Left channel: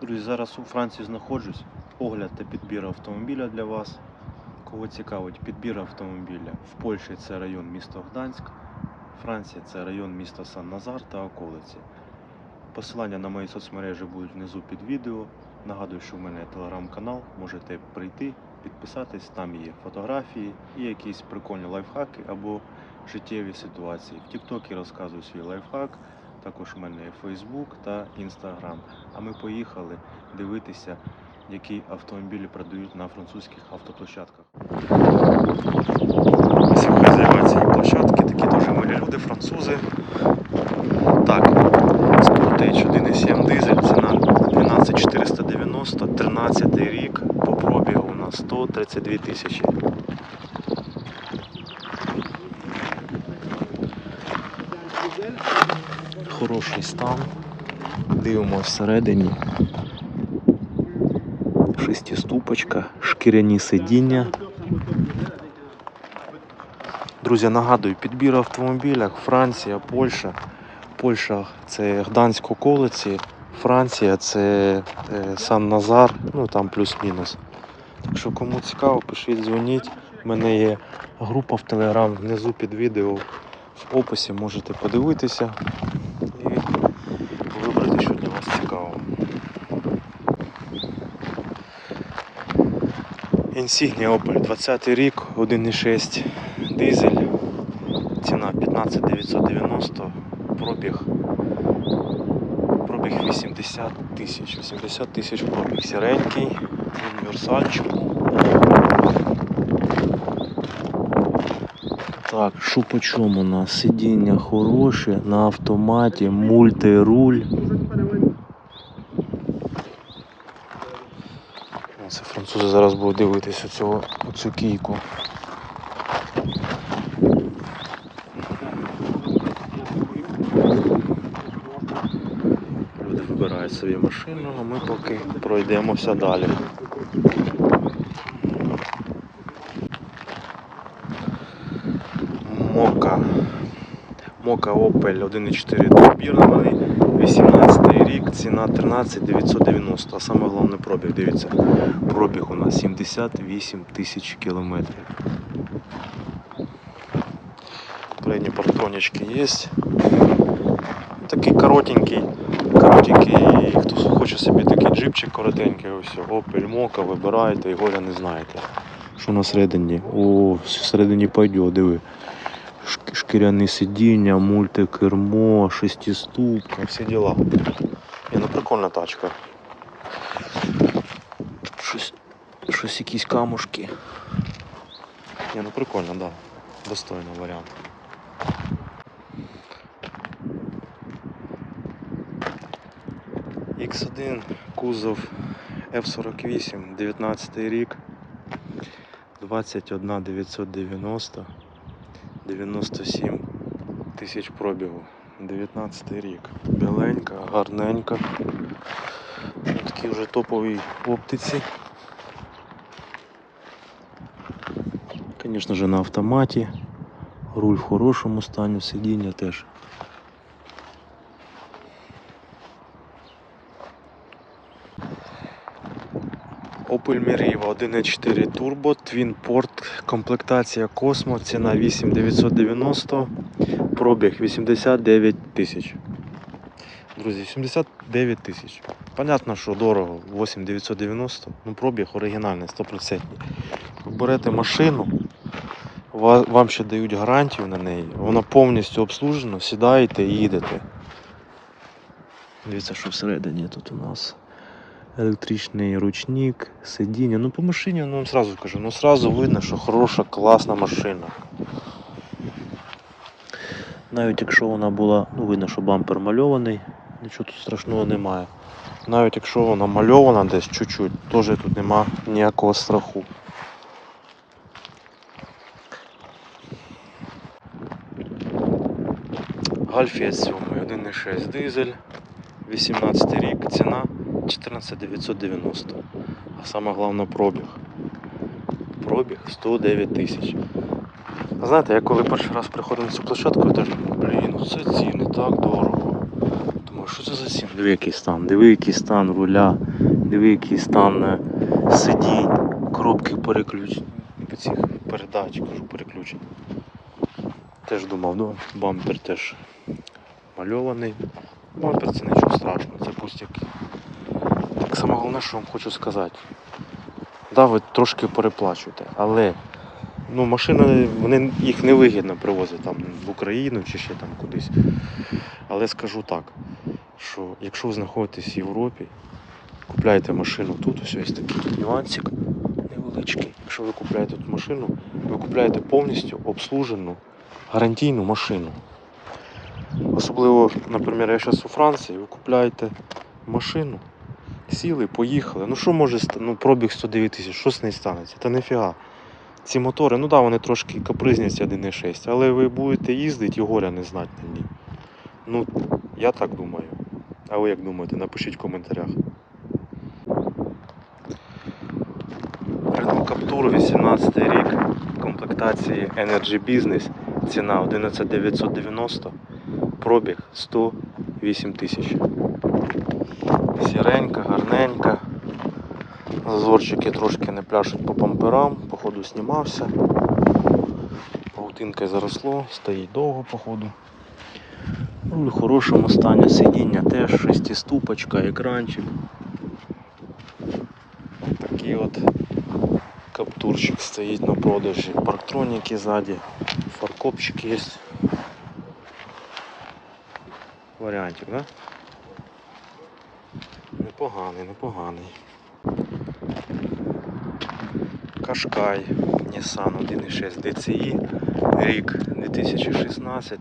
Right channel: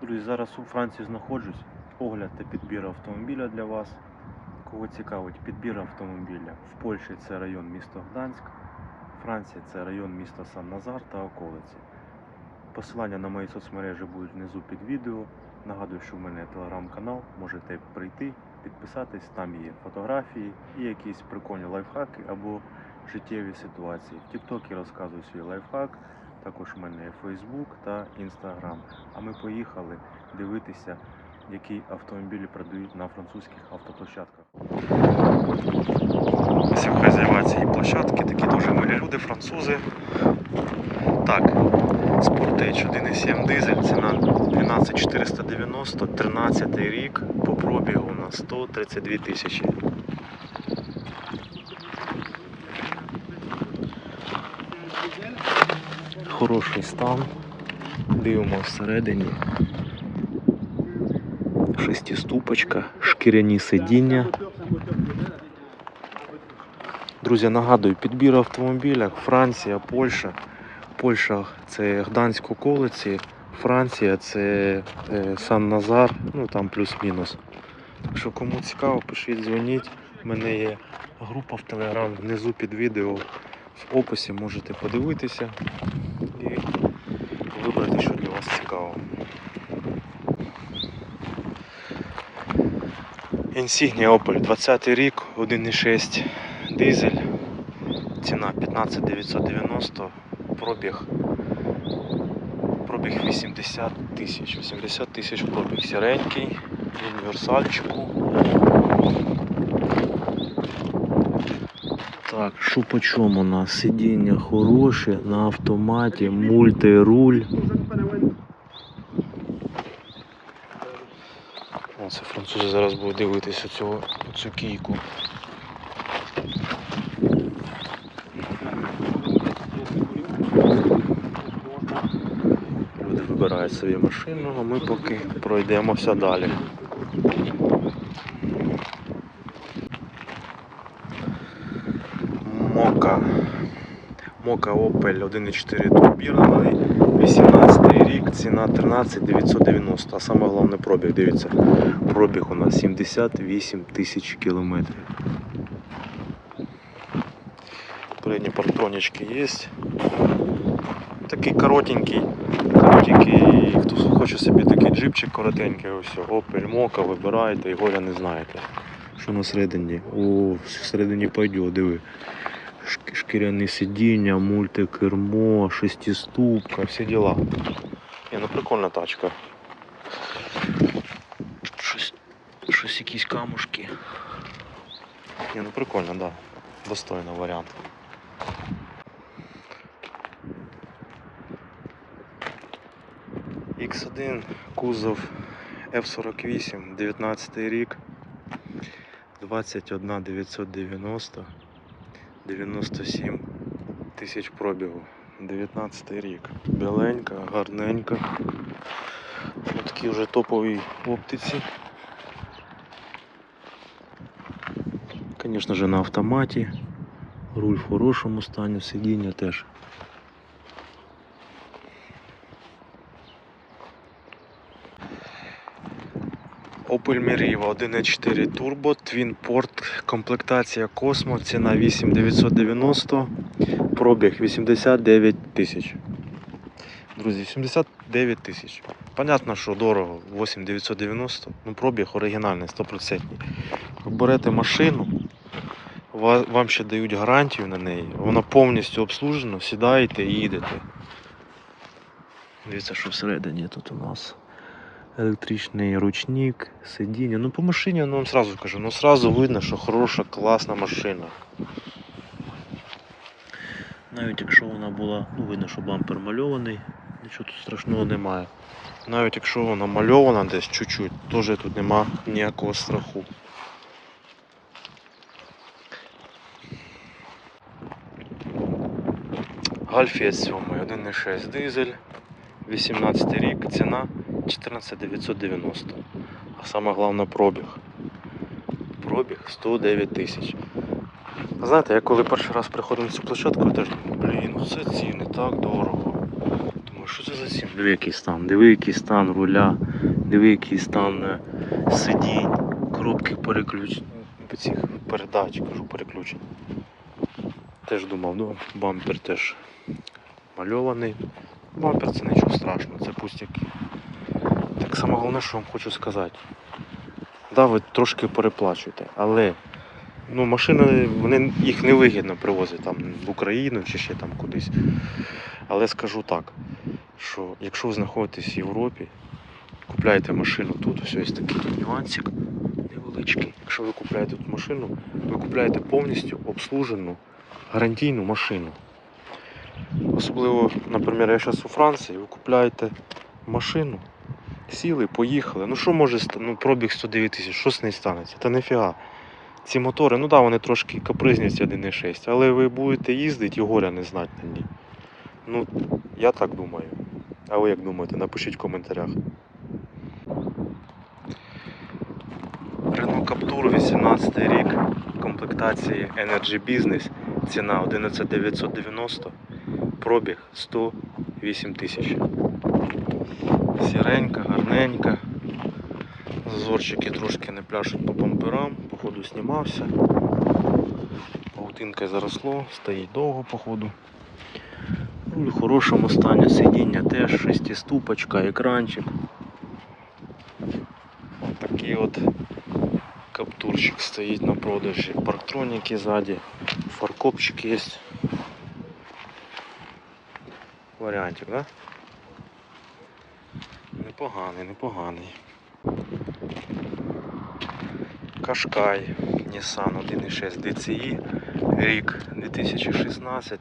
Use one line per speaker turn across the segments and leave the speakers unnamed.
Друзі, зараз у Франції знаходжусь. Огляд та підбір автомобіля для вас. Кого цікавить підбір автомобіля. В Польщі це район місто Гданськ, Франція це район міста Сан-Назар та околиці. Посилання на мої соцмережі будуть внизу під відео. Нагадую, що в мене телеграм-канал, можете прийти, підписатись, там є фотографії і якісь прикольні лайфхаки або життєві ситуації. В Тіктокі розказую свій лайфхак, також в мене є Фейсбук та Інстаграм. А ми поїхали дивитися, які автомобілі продають на французьких автоплощадках. Ось хазяїва цієї площадки, такі дуже милі люди, французи. Так, Sportage 1.7 дизель, ціна 12490, 13 рік, по пробігу на 132 тисячі. Хороший стан. Дивимося всередині. Шестиступочка, шкіряні сидіння. Друзі, нагадую, підбір автомобіля Франція, Польща. Польща це Гданськ околиці, Франція це е, Сан-Назар, ну там плюс-мінус. Так що кому цікаво, пишіть, дзвоніть. У мене є група в Телеграм внизу під відео. В описі можете подивитися і вибрати, що для вас цікаво. Insignia Opel 20 рік, 1,6 дизель, ціна 15990, пробіг. Пробіг 80 тисяч, 80 тисяч пробіг сіренький, універсальчику. Так, що по чому у нас? Сидіння хороше, на автоматі, мультируль. Це французи зараз будуть дивитися цього, цю кійку. Люди вибирають собі машину, а ми поки пройдемося далі. Мока. Мока Opel 1.4 турбірований, 18 рік, ціна 13 990, а саме головне пробіг, дивіться, пробіг у нас 78 тисяч кілометрів. Передні партронички є. Такий коротенький, коротенький, хто хоче собі такий джипчик коротенький, ось Opel Мока, вибирайте, його я не знаєте. Що на середині? О, всередині пойде, диви. Шк- Шкіряні сидіння, мультикермо, шестиступка, всі діла. Ні, ну прикольна тачка. Тут щось, щось якісь камушки. Ні, ну прикольно, так. Да. Достойний варіант. X1, кузов F48, 19 рік, 21 990, 97 тисяч пробігу. 19 рік. Біленька, гарненька. Ось Такі вже топові оптиці. Звісно ж на автоматі. Руль в хорошому стані, сидіння теж. Opel Meriva 1.4 Turbo, Twin Port, комплектація Cosmo, ціна 8990, пробіг 89 тисяч. Друзі, 79 тисяч. Понятно, що дорого, 8990, ну пробіг оригінальний, 100%. Ви берете машину, вам ще дають гарантію на неї, вона повністю обслужена, сідаєте і їдете. Дивіться, що всередині тут у нас електричний ручник, сидіння. Ну по машині, ну вам сразу кажу, ну сразу видно, що хороша, класна машина. Навіть якщо вона була, ну видно, що бампер мальований, нічого тут страшного немає. Навіть якщо вона мальована десь чуть-чуть, теж тут нема ніякого страху. Гальфія 7, 1.6 дизель, 18 рік, ціна 14990. А саме головне пробіг. Пробіг 109 тисяч. Знаєте, я коли перший раз приходив на цю площадку, я теж блін, це ціни так дорого. Думаю, що це за сім? Диви, який стан, диви, який стан руля, диви, який стан е, сидінь, коробки переключень, цих передач, кажу, переключень. Теж думав, ну, бампер теж мальований. Бампер це нічого страшного, це пустяки. Так саме головне, що вам хочу сказати. Да, ви трошки переплачуєте, але ну, машини вони, їх невигідно привозити там в Україну чи ще там кудись. Але скажу так, що якщо ви знаходитесь в Європі, купляєте машину тут, ось є такий нюансик невеличкий. Якщо ви купляєте тут машину, ви купляєте повністю обслужену гарантійну машину. Особливо, наприклад, я зараз у Франції, ви купляєте машину, сіли, поїхали. Ну що може ну, пробіг 109 тисяч, що з нею станеться? Та ніфіга. Ці мотори, ну да, вони трошки капризні, ці 1.6, але ви будете їздити і горя не знати на ній. Ну, я так думаю. А ви як думаєте? Напишіть в коментарях. Renault Captur 18 рік комплектації Energy Business. Ціна 11990, пробіг 108 тисяч. Сіренька, гарненька. Зазорчики трошки не пляшуть по бамперам, походу знімався. Паутинкою заросло, стоїть довго, походу. Руль в хорошому стані, сидіння теж шестиступочка, екранчик. Ось такий от каптурчик стоїть на продажі. Парктроніки ззаді, фаркопчик є. Варіантик, да? Непоганий, непоганий. Кашкай Nissan 1.6 DCI, рік 2016.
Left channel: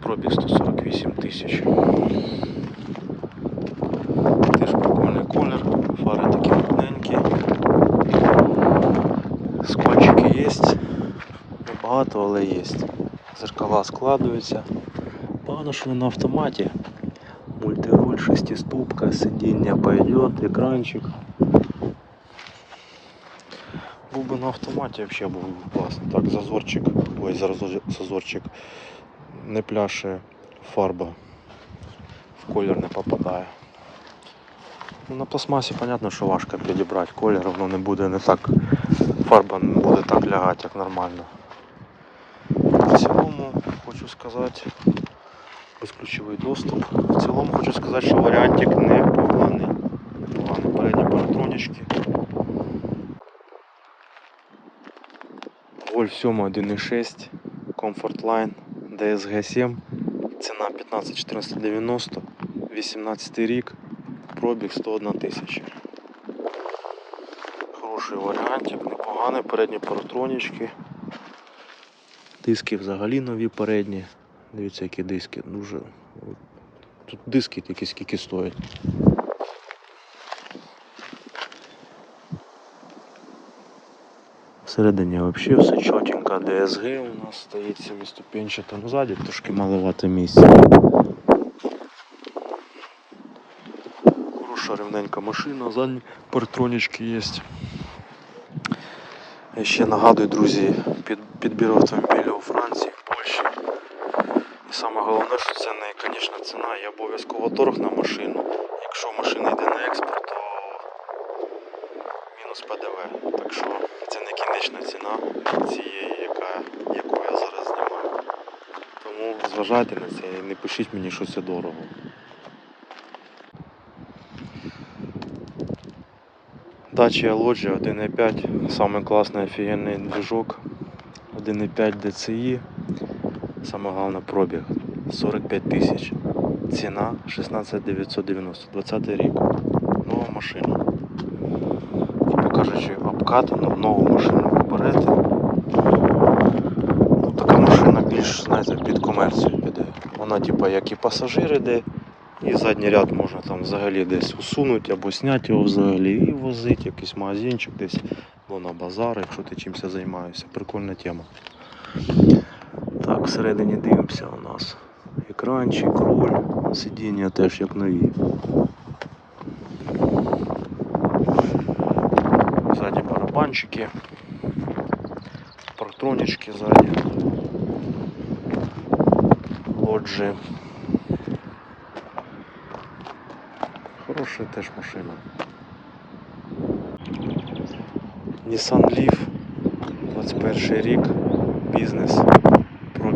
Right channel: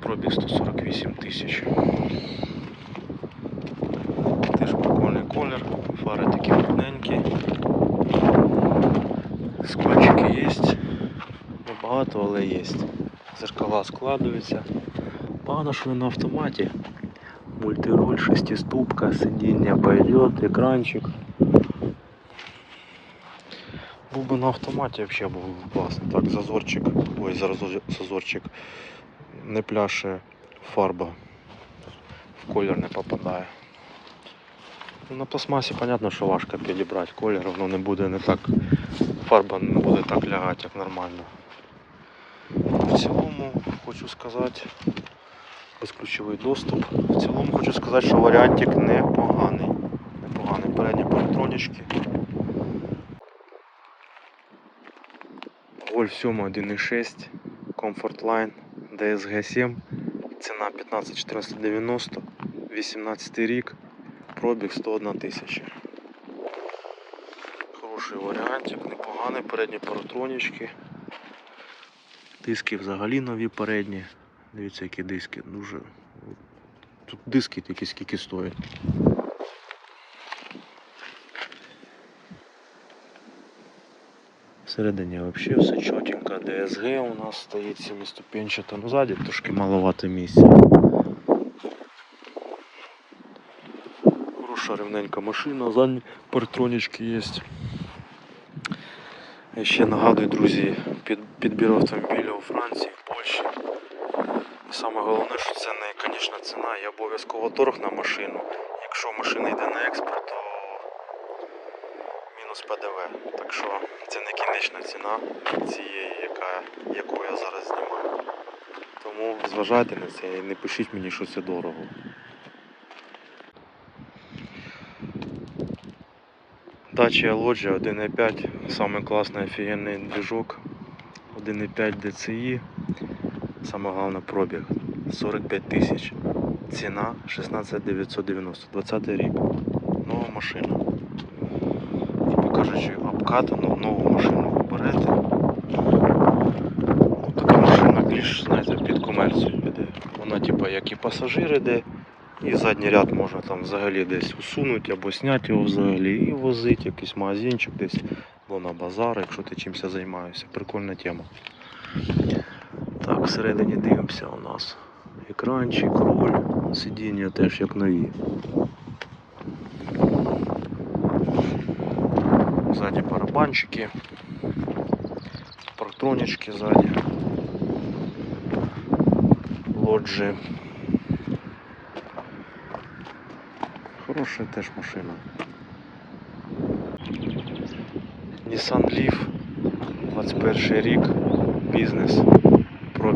Пробіг 148 тисяч. Теж прикольний колір, фари такі рідненькі. Скольчики є. Небагато, але є. Зеркала складуються. Погано, що не на автоматі. Мультируль, шестиступка, сидіння пойдет, екранчик. Був би на автоматі взагалі був би класно. Так, зазорчик, ой, зараз зазорчик не пляше фарба в колір не попадає. Ну, на пластмасі, понятно, що важко підібрати колір, воно не буде не так, фарба не буде так лягати, як нормально. В цілому хочу сказати, безключовий доступ. В цілому хочу сказати, що варіантик непоганий. Непоганий. Передні паратронічки. Golf 7 1.6, Comfort Line, DSG 7, ціна 15 1490, 18 рік, пробіг 101 тисяча. Хороший варіантик, непоганий, передні паратронічки. Диски взагалі нові передні. Дивіться, які диски. Дуже. Тут диски тільки скільки стоять. Всередині взагалі все чотенько. DSG у нас стоїть семиступенчата. Ну ззаді трошки маловато місця. Хороша рівненька машина, задні паратронічки є. Я ще нагадую, друзі, під, підбір автомобіля у Франції, в Польщі. І саме головне, що це не конечна ціна і обов'язково торг на машину. Якщо машина йде на експорт, то мінус ПДВ. Так що це не кінечна ціна цієї, яка, яку я зараз знімаю. Тому зважайте на це і не пишіть мені, що це дорого. Dacia Loggia 1.5, самый классный офигенный движок, 1.5 DCI, самое главное пробег 45 тысяч, цена 16 990, 20 рік, нова машина. Типу кажучи, обкатану, нову машину ви. Ну, така машина більш, знаєте, під комерцію піде. Вона, типу, як і пасажир іде, і задній ряд можна там взагалі десь усунути або зняти його взагалі і возити якийсь магазинчик десь, або на базар, якщо ти чимось займаєшся. Прикольна тема. Так, всередині дивимося у нас екранчик, руль, сидіння теж як нові. Ззаді барабанчики, парктронічки ззаді. лоджі. Хороша теж машина. Nissan Leaf, 21 рік, бізнес,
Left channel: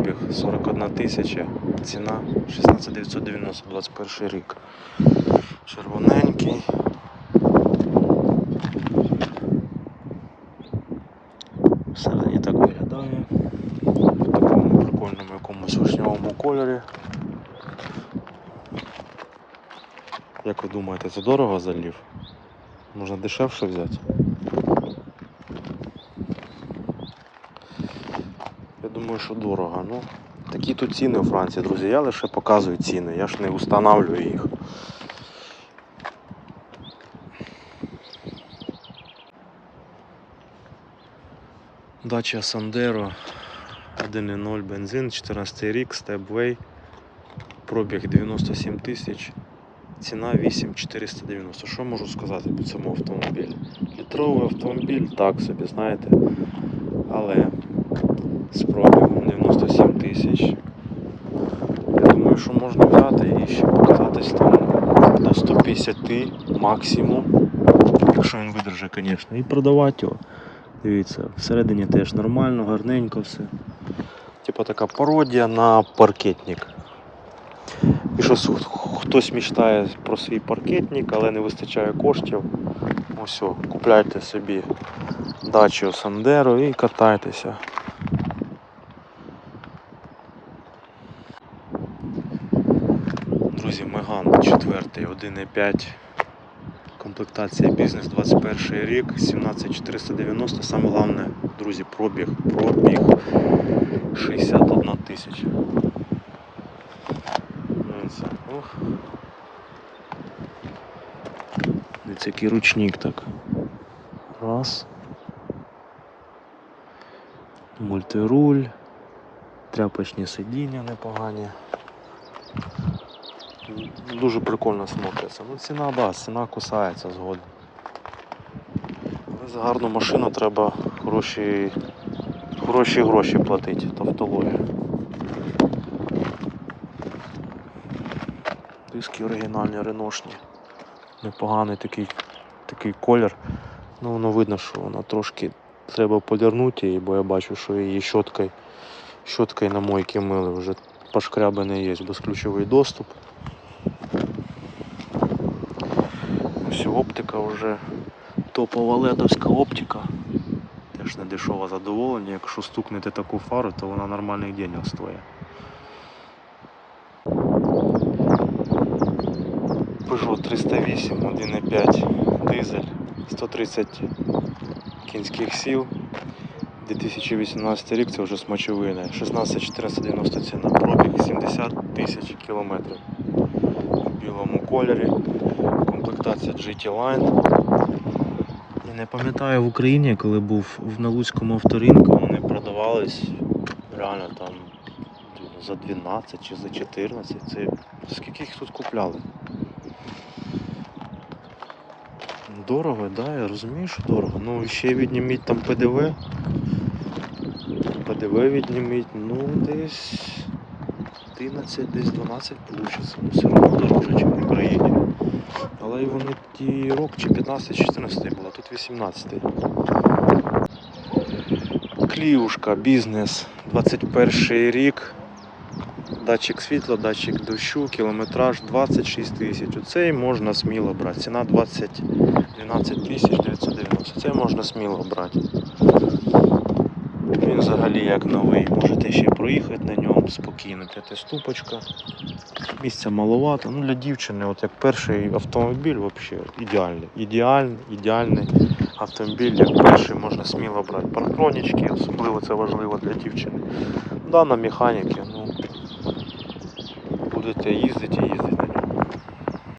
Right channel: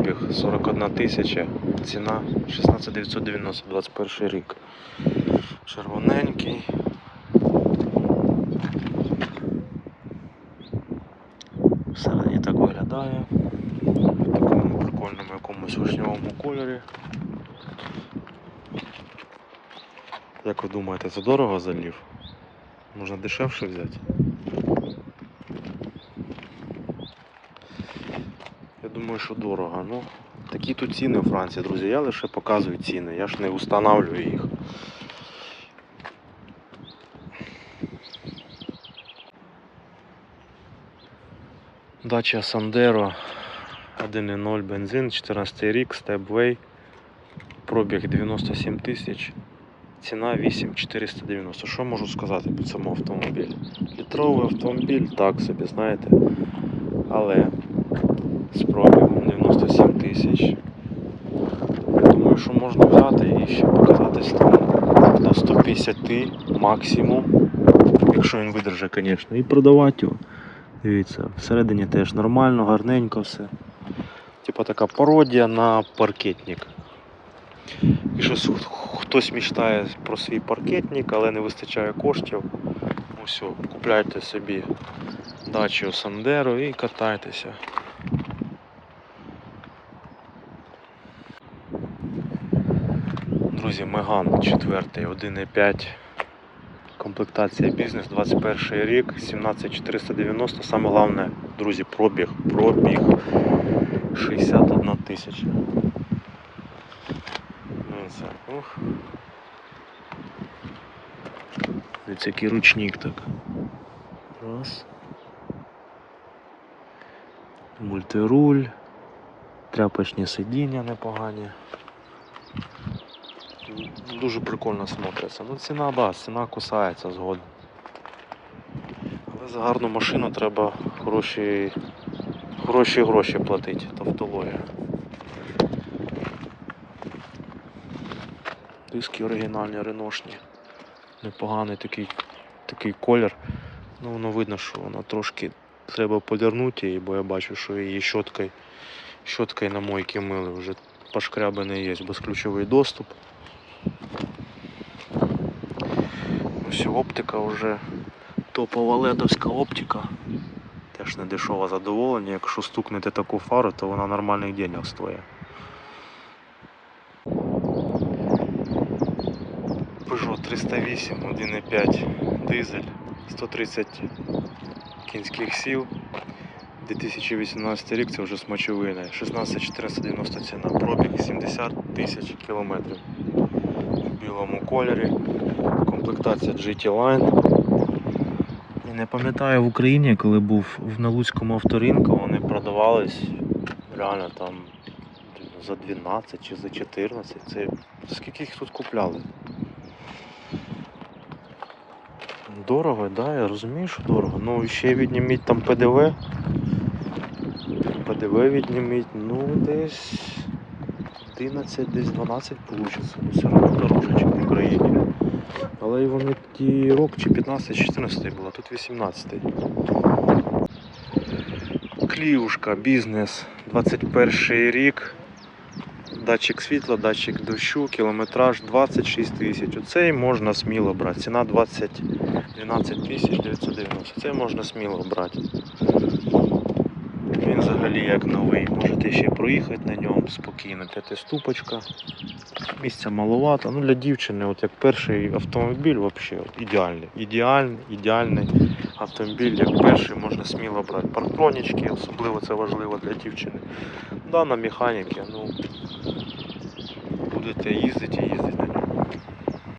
пробіг 41 тисяча, ціна 16 990, 21 рік. Червоненький. Всередині так виглядає. В такому прикольному якомусь вишневому кольорі. Як ви думаєте, це дорого за лів? Можна дешевше взяти? Я думаю, що дорого. Ну, такі тут ціни у Франції, друзі. Я лише показую ціни, я ж не устанавливаю їх. Дача Сандеро 1.0 бензин, 14 рік, степвей, пробіг 97 тисяч, ціна 8490. Що можу сказати по цьому автомобілі? Літровий автомобіль, так собі, знаєте, але з пробігом 97 тисяч. Я думаю, що можна взяти і ще покататись там до 150 максимум, якщо він видержить, звісно, і продавати його. Дивіться, всередині теж нормально, гарненько все. Типа така пародія на паркетник. І що хтось мечтає про свій паркетник, але не вистачає коштів. Ось, о, купляйте собі дачу Сандеро і катайтеся. Друзі, Меган 4, 1.5. Комплектація бізнес 21 рік, 17490. Саме головне, друзі, пробіг. Пробіг 61 тисяча. Дивіться, який ручник так. Раз. Мультируль. Тряпочні сидіння непогані. Дуже прикольно смотриться. Ну ціна, да, ціна кусається згодом. Але за гарну машину треба хороші, хороші гроші платити, тавтологія. Диски оригінальні, реношні. Непоганий такий, такий колір. Ну воно видно, що воно трошки треба полірнути її, бо я бачу, що її щоткою, щоткою на мойки мили вже пошкрябаний є, безключовий доступ. Ось оптика вже топова ледовська оптика. Теж не дешеве задоволення. Якщо стукнете таку фару, то вона нормальних денег стоїть. Peugeot 308 1.5 дизель 130 кінських сил 2018 рік це вже смачовини. 16 490 ціна пробіг 70 тисяч кілометрів. В білому кольорі. Комплектація GT Line. Я не пам'ятаю в Україні коли був в Налуцькому авторинку вони продавались реально там за 12 чи за 14 це скільки їх тут купляли? Дорого, да, я розумію, що дорого. Ну ще відніміть там ПДВ. ПДВ відніміть, ну десь 11, десь 12 вийде. Ну все одно дорожче, ніж в Україні. Але вони ті рок чи 15, чи 14 було, тут 18. Кліушка, бізнес, 21 рік. Датчик світла, датчик дощу, кілометраж 26 тисяч. Оцей можна сміло брати. Ціна 20, 12 тисяч 990. Цей можна сміло брати. Він взагалі як новий. Можете ще проїхати на ньому спокійно. П'ятиступочка. Місця маловато. Ну для дівчини, от як перший автомобіль, взагалі ідеальний. Ідеальний, ідеальний автомобіль, як перший можна сміло брати. Парктронічки, особливо це важливо для дівчини. Да, на механіки, ну будете їздити і їздити